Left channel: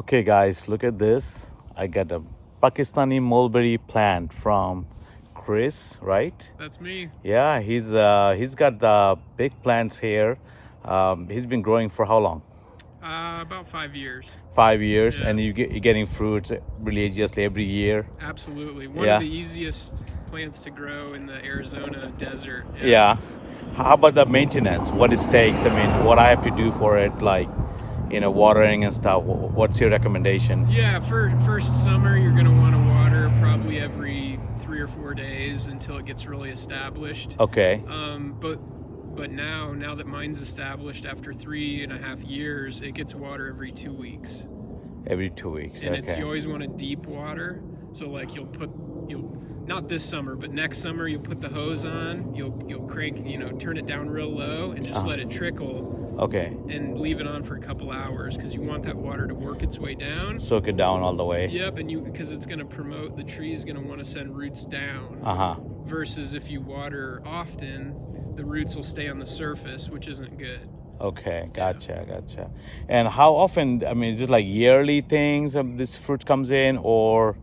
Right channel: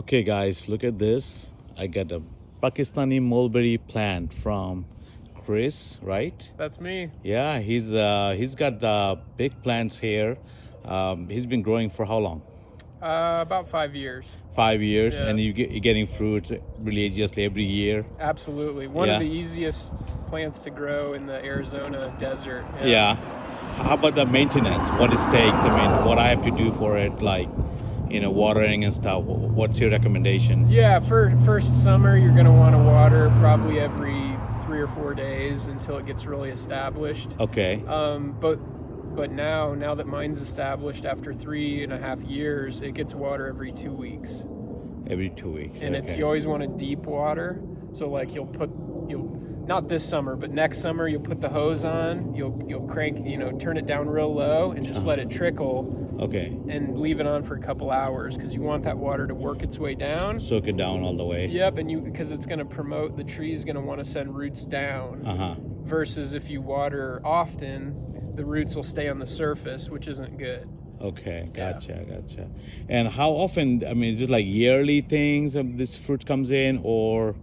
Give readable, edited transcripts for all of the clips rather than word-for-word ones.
Okay, guys, look at this. I got a Pakistani mulberry plant from Chris, right? That's me. Yeah, he's got the big plants here. He's been growing for how long? About 5 years. 5 years, Yeah, and you're getting fruits religiously every year. absolutely. One of Yeah, the easiest plants to grow in the Arizona desert. Yeah. yeah. How about the maintenance? What it takes? I mean, what I have to do for it, like watering and stuff. What's your recommendation? Yeah, for first summer, you're going to want to water probably every 3 or 4 days until it gets really established. Okay, But now that mine's established after 3.5 years, it gets water every 2 weeks. every 2 weeks. And Okay. you always want to deep water. So like you'll not this summer, but next summer you'll put the hose on, you'll crank, turn it down real low and just let it trickle Okay. and leave it on for a couple hours because you want that water to work its way down. Soak it down all the way. Yep, and because it's going to promote the tree's going to want to send roots down. Uh-huh. Versus if you water often, the roots will stay on the surface, which isn't good. Okay, gotcha. And how often, I mean, is it like yearly things this fruit comes in or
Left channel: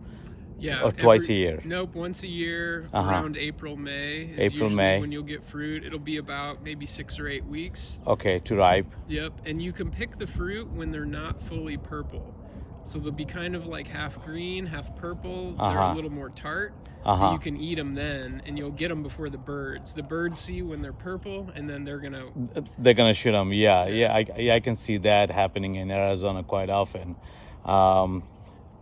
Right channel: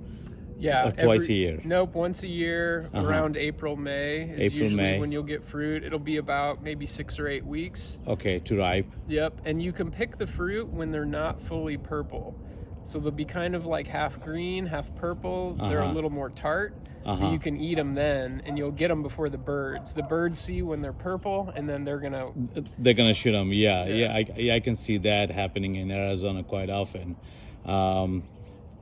Yeah, twice a year? Nope, once a year around April, May is April, usually May. when you'll get fruit. It'll be about maybe 6 or 8 weeks. Okay, to ripe. Yep, and you can pick the fruit when they're not fully purple. So they'll be kind of like half green, half purple. They're a little more tart. And you can eat them then, and you'll get them before the birds. The birds see when they're purple, and then they're gonna shoot them. Yeah. I can see that happening in Arizona quite often.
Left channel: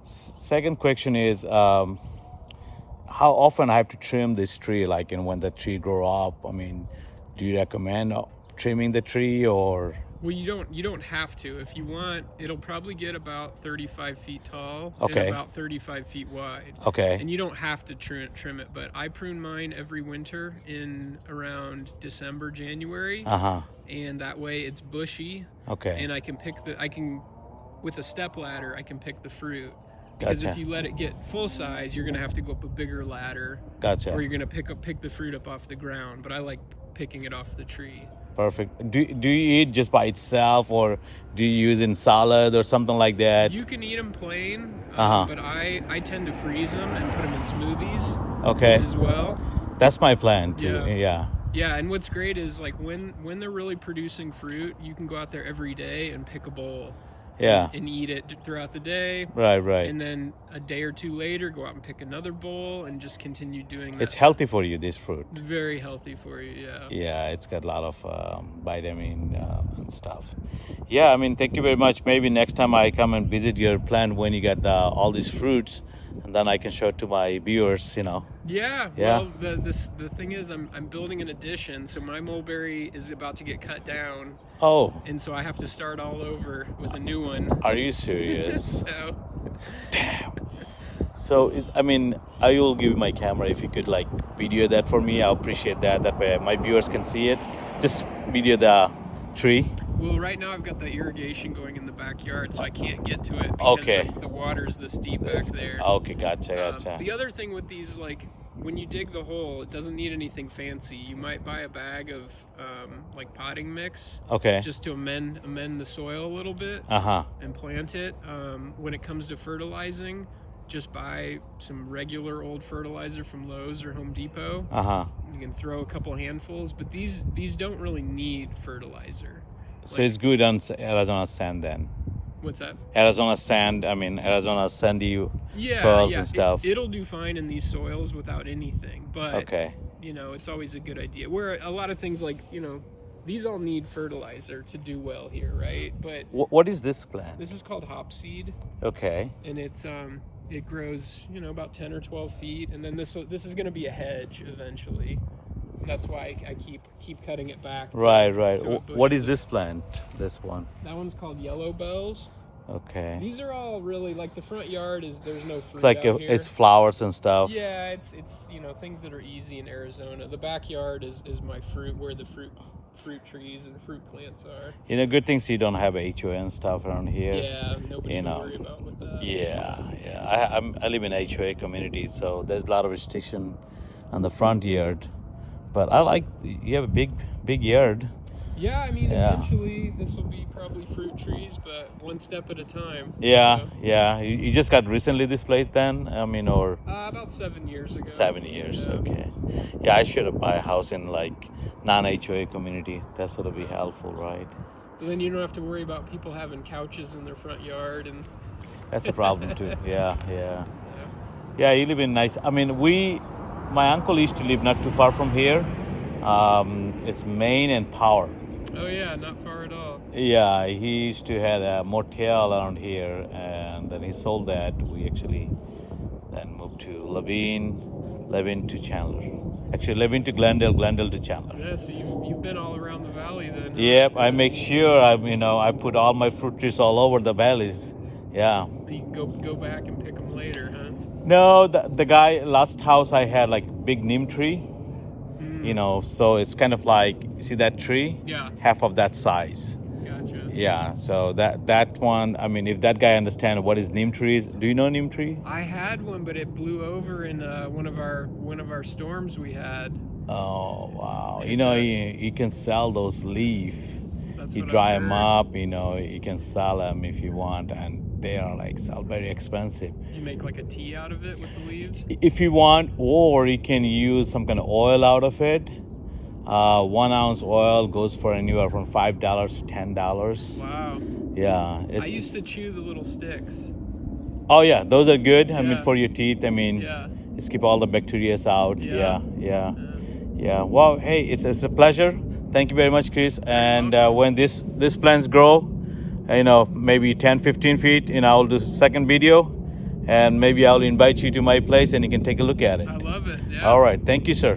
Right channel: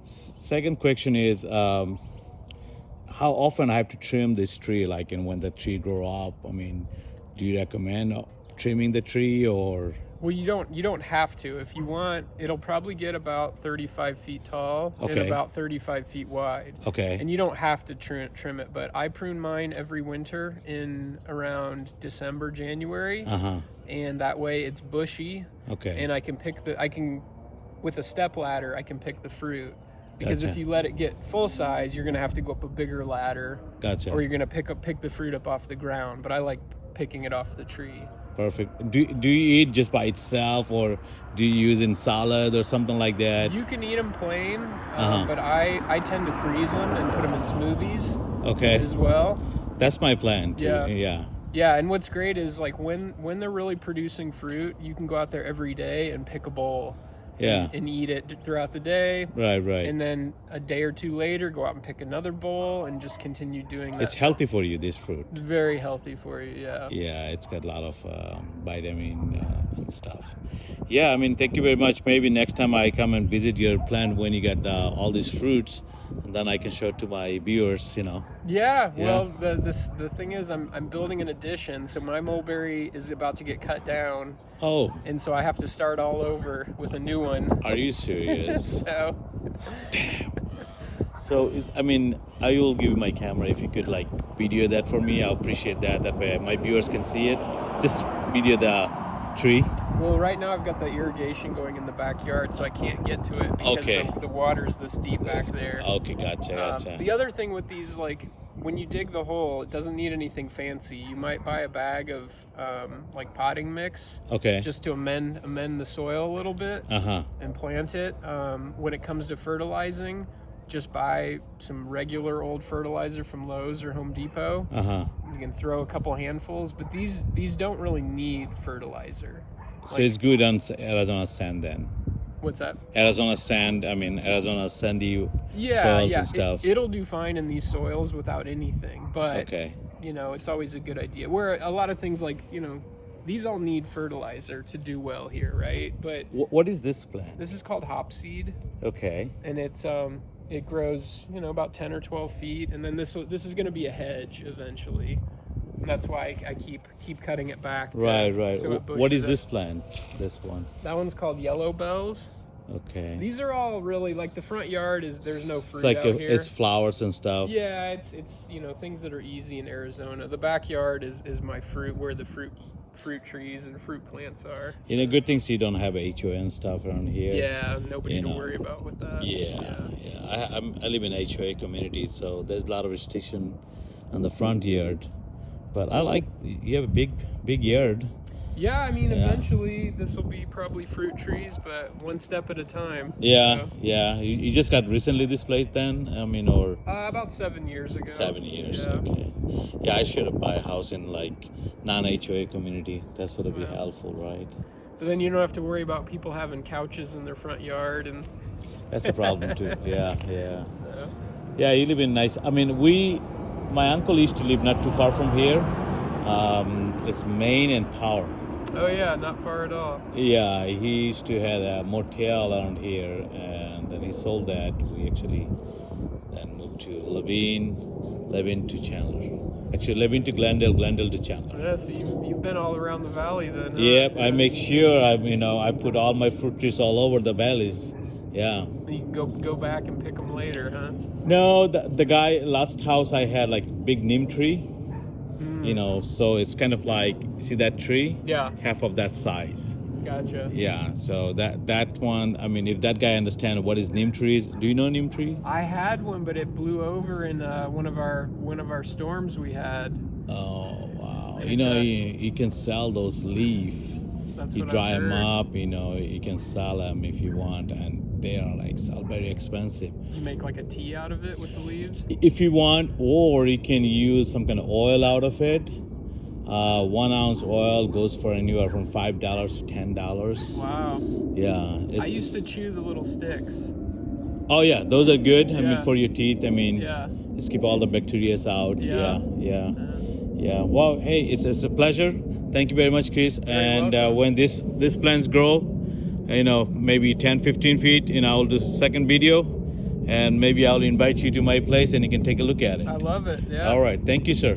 Second question is, how often I have to trim this tree? Like, when the tree grow up. I mean, do you recommend trimming the tree or? Well, you don't have to. If you want, it'll probably get about 35 feet tall and Okay. about 35 feet wide. Okay. And you don't have to trim it, but I prune mine every winter in around December, January. And that way it's bushy. Okay. And I can with a step ladder, I can pick the fruit. Because if you let it get full size, you're gonna have to go up a bigger ladder. Gotcha. Or you're gonna pick the fruit up off the ground. But I like picking it off the tree. Perfect. Do you eat just by itself, or do you use in salad or something like that? You can eat them plain, but I tend to freeze them and put them in smoothies. Okay. As well. That's my plan too. Yeah. Yeah, and what's great is like when they're really producing fruit, you can go out there every day and pick a bowl. Yeah. And eat it throughout the day. Right. And then a day or two later, go out and pick another bowl and just continue doing that. It's healthy for you, this fruit. Very healthy for you, yeah. Yeah, it's got a lot of vitamin and stuff. Yeah, I mean, thank you very much. Maybe next time I come and visit your plant when you get all these fruits, and then I can show it to my viewers, Yeah, well, the thing is, I'm building an addition, so my mulberry is about to get cut down. Oh. And so I have to start all over with a new one. Are you serious? So. Damn. So, I mean, I will give you my camera. If you could, like, video that for me, I appreciate that. That way my viewers can see it. Just video the tree. Well, right now I've got the irrigation going in the backyard, so I can't get to it because the water's this deep back there. Okay, gotcha. The other thing with these, like, when you dig the hole, it doesn't need anything fancy. You might buy a bag of like potting mix, just to amend the soil a little bit, and plant it. When it comes to fertilizing, just buy some regular old fertilizer from Lowe's or Home Depot. You can throw a couple handfuls, but these don't really need fertilizer. So it's good on Arizona sand then. What's that? Arizona sand. I mean, Arizona sandy soils and stuff. It'll do fine in these soils without anything, but it's always a good idea. Where a lot of things like these all need fertilizer to do well here, right? But what is this plant? This is called hopseed. Okay. And it grows about 10 or 12 feet, and then this is going to be a hedge eventually. That's why I keep cutting it back. Right. So What is this plant? This one? That one's called yellow bells. Okay. These are all really like the front yard there's no fruit It's like out here. It's flowers and stuff. Yeah, it's things that are easy in Arizona. The backyard is my fruit, where the fruit trees and fruit plants are. Good things you don't have HOA and stuff around here. Yeah, nobody to worry about with that. Yeah. I live in HOA community, so there's a lot of restriction on the front yard. But I like you have a big yard. Yeah, I mean, eventually this will be probably fruit trees, but one step at a time. Yeah, so. Yeah. You just got recently this place then? I mean, or about 7 years ago. 7 years, yeah. Okay. Yeah, I should buy a house in like non-HOA community. That's gonna be helpful, right? But then you don't have to worry about people having couches in their front yard, and that's the problem too. Yeah, yeah. So. Yeah, you live in nice. I mean, my uncle used to live not too far from here. It's Maine and Power. Oh yeah, not far at all. Yeah, he used to have a motel around here, and then he sold that. We actually then moved to Levine to Chandler. Actually, Levine to Glendale, Glendale to Chandler. Yeah, so you've been all around the valley then. Huh? Yep, yeah. I make sure I put all my fruit trees all over the valleys. Yeah. You can go back and pick them later, huh? No, the guy last house I had like big neem tree. So it's kind of like, see that tree? Yeah. Half of that size. Gotcha. Yeah, so that one, I mean, if that guy understands what is neem trees, do you know neem tree? I had one, but it blew over in one of our storms we had. Oh wow! You can sell those leaves. You dry them up. You can sell them if you want, and they are like very expensive. You make like a tea out of it with the leaves? If you want, or you can use some kind of oil out of it. 1 ounce oil goes for anywhere from $5 to $10. Wow. Yeah. I used to chew the little sticks. Oh yeah, those are good. I mean, for your teeth. I mean, just keep all the bacteria out. Yeah. Well, hey, it's a pleasure. Thank you very much, Chris. And when this plants grow, maybe 10, 15 feet, I'll do a second video, and maybe I'll invite you to my place and you can take a look at it. I love it. Yeah. All right. Thank you, sir.